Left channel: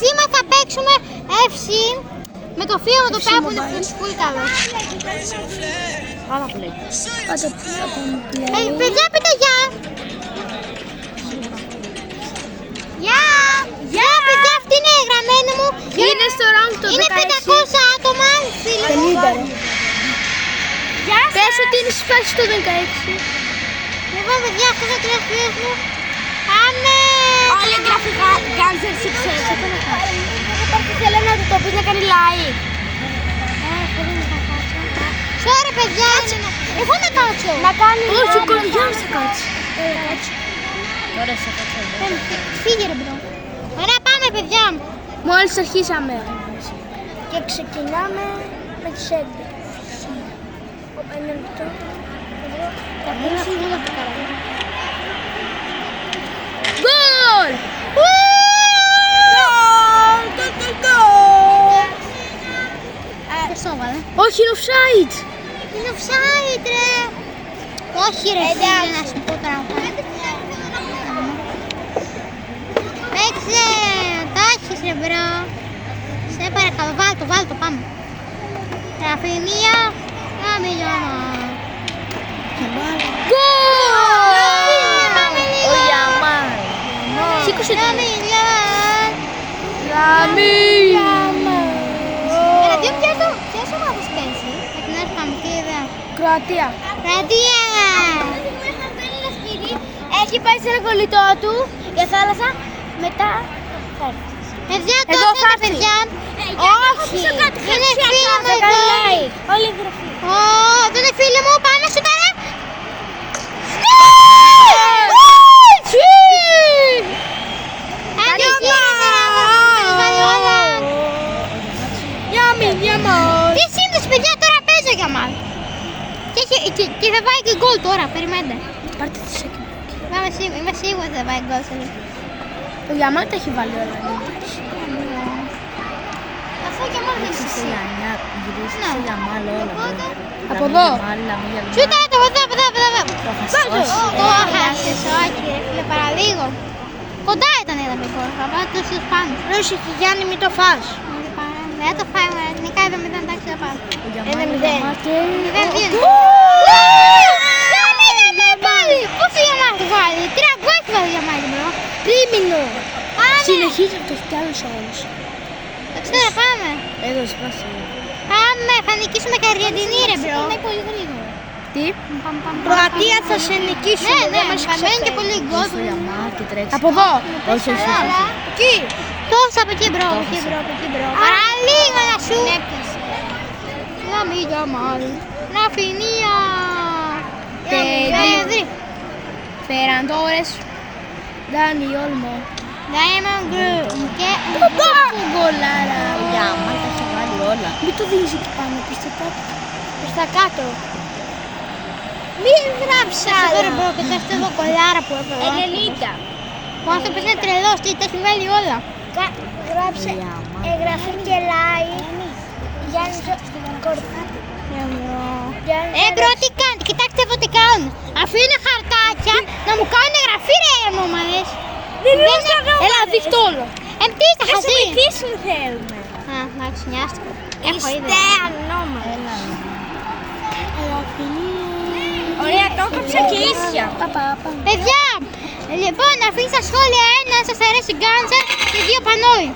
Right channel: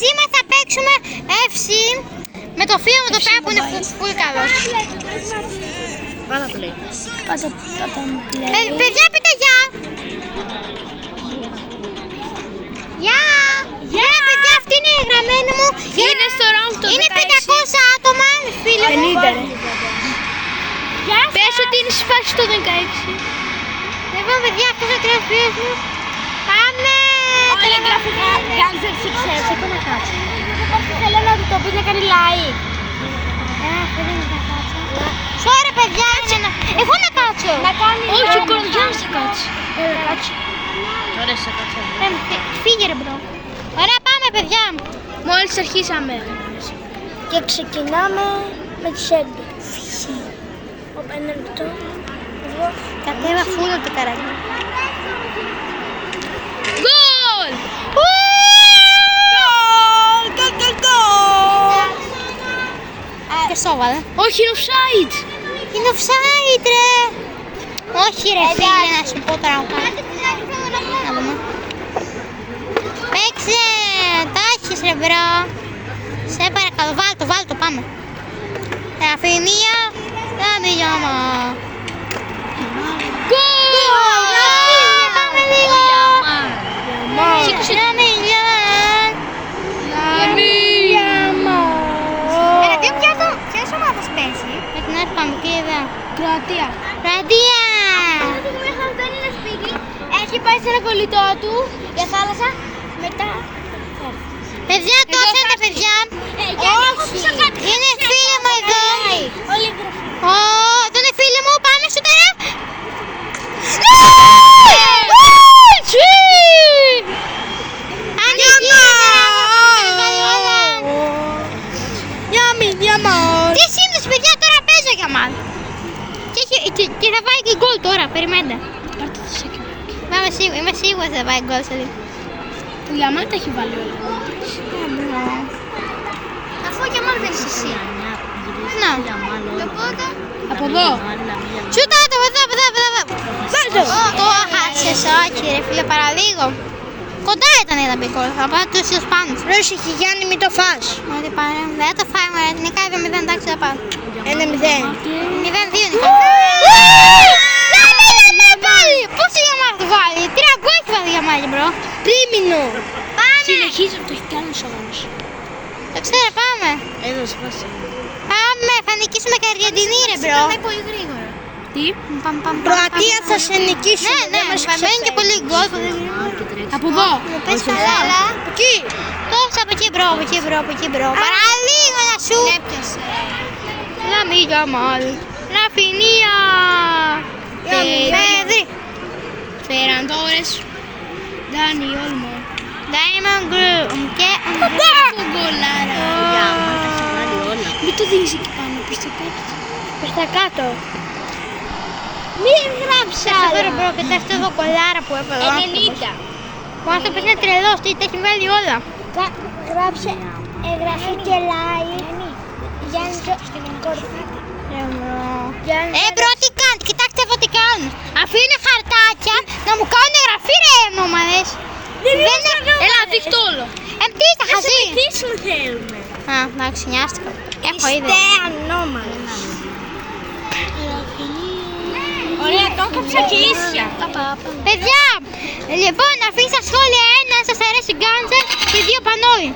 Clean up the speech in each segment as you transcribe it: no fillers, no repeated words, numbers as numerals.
Σήμερα θα παίξουμε FC με το φίλο μου το πέρα που είναι πολύ καλό. Πάρα πολύ. Παιδιά, πείτε γεια. Γεια. Γεια, παιδιά, αυτή είναι η γραμμένη μου. Είναι στο round το 16. Είναι 500 άτομα, φίλοι μου. 50 ρε. Γεια σας. Πες ότι είναι σπάσει το 16. Λοιπόν, παιδιά, αυτό θα τρέχει ο φίλος μου. Πάμε. Όλα γραφικά Guns Success. Θέλω να του το πεις να κάνει like. Δεν θα κάτσω. Sorry, παιδιά, είναι ένα... Εγώ να κάτσω. Να κάνει like. Όχι, ο Κορδιάνος θα κάτσει. Ωραία, σε κάτσω. Φύγε ρε μπρο. Ωραία, πάμε, παιδιά. Μόλις αρχίσαμε. Και ξεκινάμε με τις 11. Ένα λεπτό. Κατέβα φούλο το καράβι. Γκολ! Και σόβαλε. Όχι, είναι offside. Είναι offside ρε. Όχι ρε φίλε, να σου πω τώρα να πάμε. Παίξε, το έχεις ρε μπρο. Σε παρακαλώ, βάλ' το, πάμε. Ραφινία, τα μιλιάμα. Πάμε λίγο. Σήκωσε τα μιλιάμα. Έλα, ποιος ομάδας παίζει? Με την Αρπανδίδα. Κροατία. Κροατία. Έχει πάει σε ένα κολλητό του για θάλασσα. Μετά θα έρθει. Παιδιά, το Εδώ έφερε θα τα έρθει. παιδιά. Όχι, είναι φίλα μου εδώ. Όλη η γραφή. Αυτό είναι φίλη μου, πάνω σου τώρα. Τι σύνδεση παιδιά, τώρα παίζω για μας. Και θα πάει και γκολ τώρα, περιμένετε. Πάρτε τη σέκη. Είμαι σίγουρη ότι θα πάει γκολ σε λίγο. Το Γιαμάλ τα έχει βάλει όλα. Αφού και μόνο δεν είσαι εσύ. Να. Οπότε. Από εδώ. Σούτα το, εδώ. Το έχασες, όχι ρε φίλε, παραλίγο. Κοντά ήταν η δαμπή γκολ, θα πάω τους Ισπάνους. Ρε εσύ Γιάννη, μην το φας. Δεν το φάμε, την έκανε 0, εντάξει θα πάω. 1-0. 0-2 είναι. Λέμε πάλι! Πώς η Γιαμάλ το βάλει? 3 γκολ έχει βάλει η Γιαμάλ, μπρο. Τρίμηνο. Συνεχίζει να το έχει κι άλλους αγώνες. Το ξέρω, πάμε. Έδωσε πάση. Πάμε, θα νικήσουμε και Αργεντινή ρε μπρο. πολύ γρήγορα. Τι? Κροατία θα σε νικήσει. Ναι, θα μπαίνει και πολύ γκολ. Από εδώ. Πες καλά, αλλά εκεί. Πώς από εκεί μπρο, από εκεί μπρο. Παραλίγο να σου. Λαμί Γιαμάλ. Ραφινία. Pedri. Ferran Torres. Dani Olmo. Diamond Group. Και... Γκολάρα. Μην το δίνεις εκεί πάνω, προς τα κάτω. Προς τα κάτω. Μην γράψει άλλο. Μπρο, κοιτάξτε εδώ κολλάρα που έπαιρε. 90. Ο άνθρωπος είναι τρελός, τι τα έχει βάλει όλα. Γράψε εγγραφή και like. Γιάννη Μπρο, τι κάνετε, κοιτάξτε εδώ τι κάνουν. Αφού είναι χαρτάκια, να μου κάνουν εγγραφή ρε ενώμαδες. Έλα, δείχτω όλο. Τι είστε χαζοί. σου θέλουμε. Α, εντάξει, νοιάστηκα. Έχω ήδη. Είστε ανώμαλοι. Ωραία, το έκαψα και ίσια. Παιδιά, λοιπόν, αφήστε στα σχόλια ένα, σας αρέσει Γκάντζερ και 2 Πανόι.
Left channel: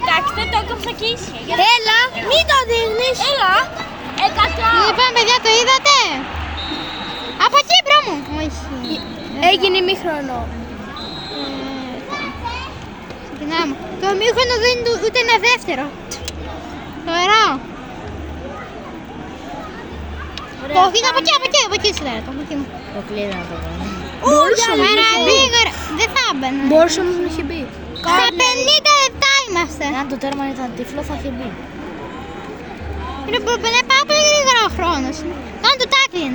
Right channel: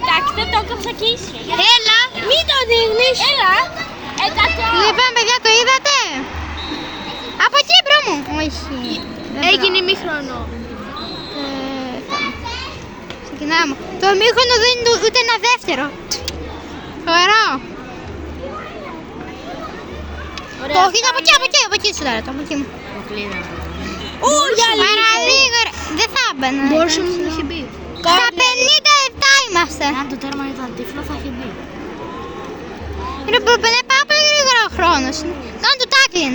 Εντάξει, το έκαψα και ίσια. Έλα. Μην το δείχνεις. Έλα. Λοιπόν, παιδιά, το είδατε. Από εκεί, μπρο μου. Όχι. Έγινε ημίχρονο. Ξεκινάμε. Το ημίχρονο δεν είναι ούτε ένα δεύτερο. Ωραία. Το όχι, από εκεί σου τώρα, το από εκεί μου. Παραλίγο, δεν θα έμπαινα. Μπορούσε να μην έχει μπει. Στα 50 λεπτά είμαστε. Αν το τέρμα ήταν τύφλο θα έχει μπει. Είναι πάρα πολύ γρήγορα ο χρόνος. Κάνε το τάκλιν.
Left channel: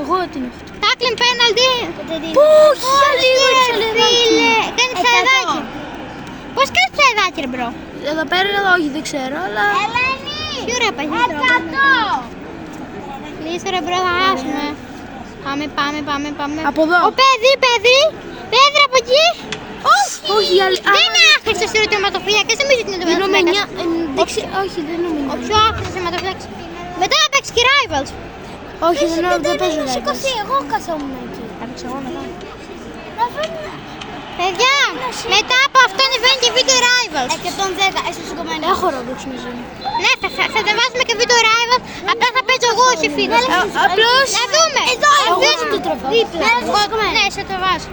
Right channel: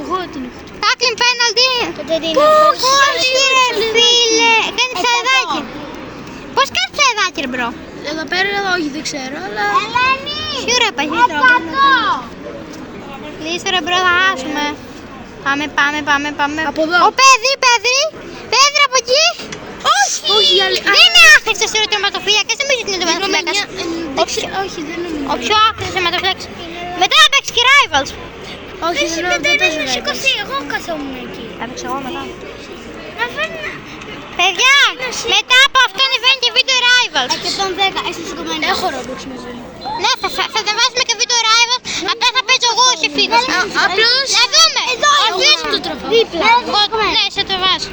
Εγώ την έχω. Τάκλιν πέναλτι. Όχι ρε φίλε. Κάνει ψαρεδάκι. Πώς κάνεις ψαρεδάκι ρε μπρο? Εδώ πέρα όχι δεν ξέρω αλλά... Σίγουρα υπάρχει τρόπο. Λύσου ρε μπρο, θα χάσουμε. Πάμε. Από εδώ. Ο Πέδρη από εκεί. Όχι. Δεν είναι άχρηστος τερματοφύλακας, δεν νομίζω ότι είναι τερματοφύλακας. Όχι, δεν νομίζω. Ο πιο άχρηστος τερματοφύλακας. Μετά θα παίξει και Rivals. Όχι, δεν έχει παίζει. σηκωθεί, εγώ καθόμουν εκεί. Θα παίξω εγώ μετά. Να φέρνει. Παιδιά, μετά από αυτό ανεβαίνει και βίντεο Rivals. 110, είσαι σηκωμένη. Έχω Roblox μαζί μου. Ναι, θα βάζουμε και βίντεο Rivals, απλά θα παίζω εγώ όχι φίλος. Απλώς. Να δούμε. Απλώς το τραβάω. Ναι, σε το βάζω.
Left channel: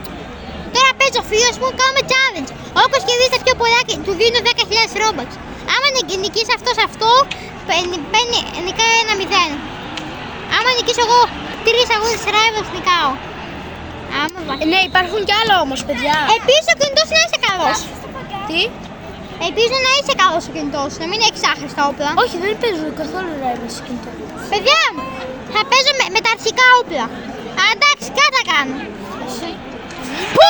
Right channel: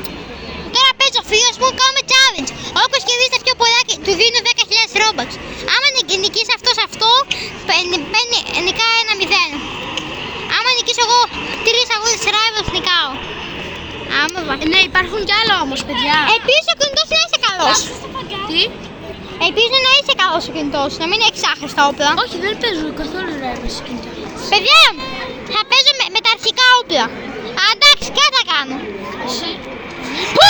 Τώρα παίζω φίλος μου, κάνουμε challenge. Όπως και δείτε πιο πολλά, του δίνω 10.000 Robux. Άμα νικήσει αυτός αυτό, νικάει 1-0. Άμα νικήσω εγώ 3 αγώνες Rivals, νικάω. Άμα βάζει. Ναι, υπάρχουν κι άλλα όμως, παιδιά. Επίσης ο κινητός να είσαι καλός. Τι? Επίσης να είσαι καλός ο κινητός, να μην έχεις άχρηστα όπλα. Όχι, δεν παίζω καθόλου Rivals σε κινητό. Παιδιά, θα παίζω με τα αρχικά όπλα. Α, εντάξει, κάτι θα κάνω. Πω,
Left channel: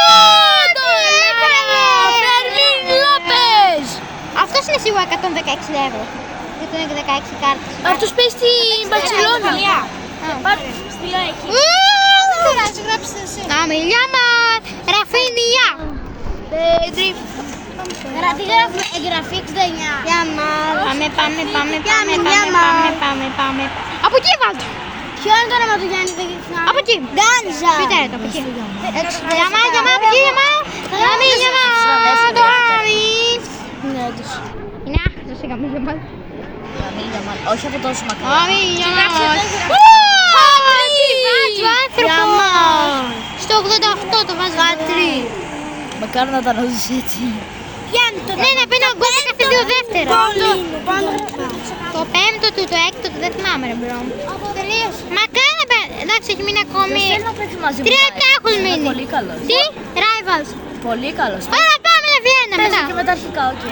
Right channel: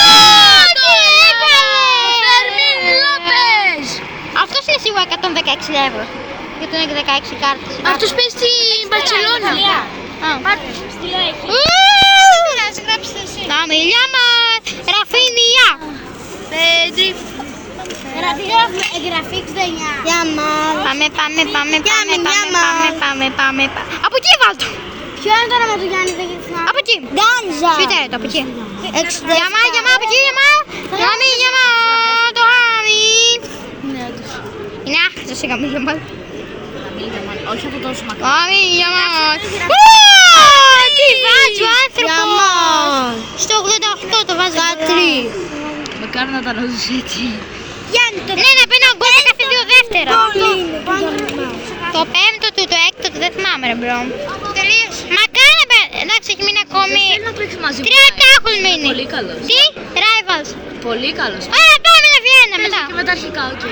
τι έκανε! Φερμίν Λόπες! Αυτός είναι σίγουρα 116 ευρώ. Γιατί είναι και 16 κάρτες. Αυτός παίζει στη Μπαρτσελώνα. Να μιλιά μας, Ραφίνια. Πέτρι. Τι γράφουμε, εγγραφή 69. Πάμε. Από εκεί βάλτο. Ποιο είναι το όνομα του Γιάννη, δεν ξεχνάω. Από εκεί. Γκάντζα. Ποιο είναι το, από εκεί. Γιαμά, από εκεί, γιαμά. Το γάμι. Είναι άχρηστος η γάμι, γιαμά. Όχι από τόσο μακριά. Γάμι, γιαμά. Τι βάζει ο άνθρωπος. Στο 88 το βάζει. Μακάρι να τα ρωτήσω έτσι. Γιάννη, το Ναι, να παίρνω γκολ σε κάθε 2 δεύτερα. Πάνω. Το πέμπτο του, το έκτο του δεν θυμάμαι ρε μπρο. Μακάρι να παίρνω. Εντάξει, έχει μείνει ακόμη. Θέλει να παίξει μαζί μου. 3 έχουν μείνει. Πολύ καλός. Τι, Rivals. Πολύ καλός. Άρα πάμε να Βιέννα Παίζει μετά. και με τα αρχικά, οκ.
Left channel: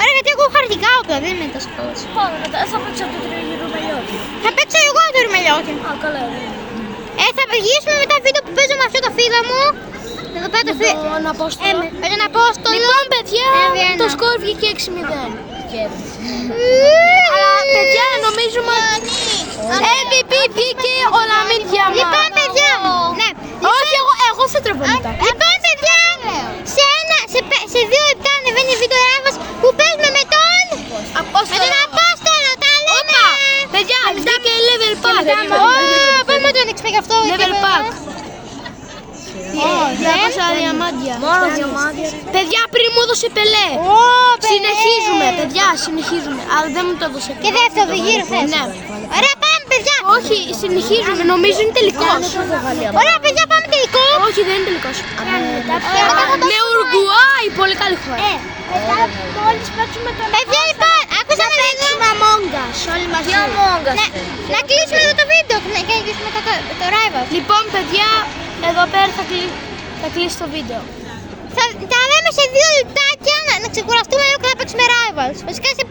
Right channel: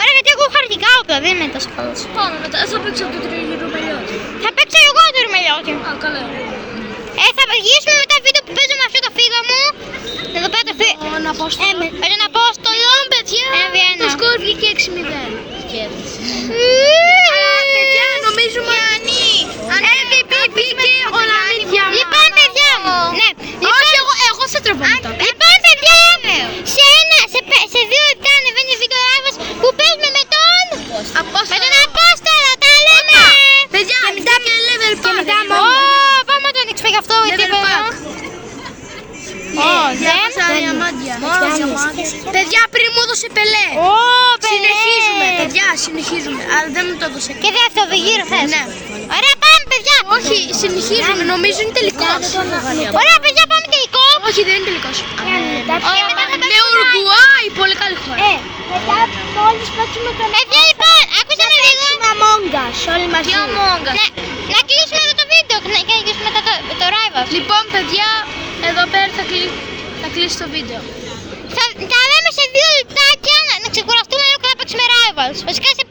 Ωραία, γιατί εγώ έχω αρχικά όπλα, δεν είναι τόσο καλός. Πάμε μετά, θα παίξω από το τρίγυρο μελιώτη. Θα παίξω εγώ το ρημελιώτη. Α, καλά. Θα γυρίσουμε μετά βίντεο που παίζω με αυτό το φίλο μου. Εδώ πέρα το φίλο. Τον Απόστολο. Με τον Απόστολο. Λοιπόν, παιδιά, Βιέννα. το σκορ βγήκε 6-0. Κέρδισε. Παιδιά, Παιδιά, νομίζουμε... MVP μπήκε ο Λαμίτια μας. Λοιπόν, παιδιά. Ναι. Όχι, εγώ θα τρεβώ μετά. Λοιπόν, παιδιά, σε 2 λεπτά ανεβαίνει βίντεο Rivals που παίζουμε με τον Απόστολο. Τα λέμε. Παιδιά, μετά και level pack. Πάμε να το ανοίξουμε γι' αυτό. γιατί Level εδώ. pack. Δεν. Διαμάντια. Παιδιά, πριν μου έδωσε Πελέ. Συνεχίζουμε, παιδιά, συνεχίζουμε. Αλλά δεν μου το έδωσε. Και δεύτερο γύρο θες. Ναι. Ωραία, πάμε παιδιά. Όχι, συνεχίζουμε, νομίζω είναι τελικός. Ωραία, παιδιά, πάμε τελικό. Όχι, δεν είναι τελικός. Ωραία, μετά θα Με παίξουμε. Ουρουάη, πολύ καλή χώρα. Μετά μόλις παίξουμε τον Παιδιά, λοιπόν, άκουσα με λίγο. Among Us, όλοι μαζί. Ναι, να κλείσουμε εδώ το βίντεο και να κλείσουμε μετά το Rivals. Λοιπόν, παιδιά, εδώ πέρα θα κλείσει το βίντεο. Θα λέμε σε 2 λεπτάκια να ξεκουραστούμε λίγο και να παίξουμε Rivals. Βασικά σε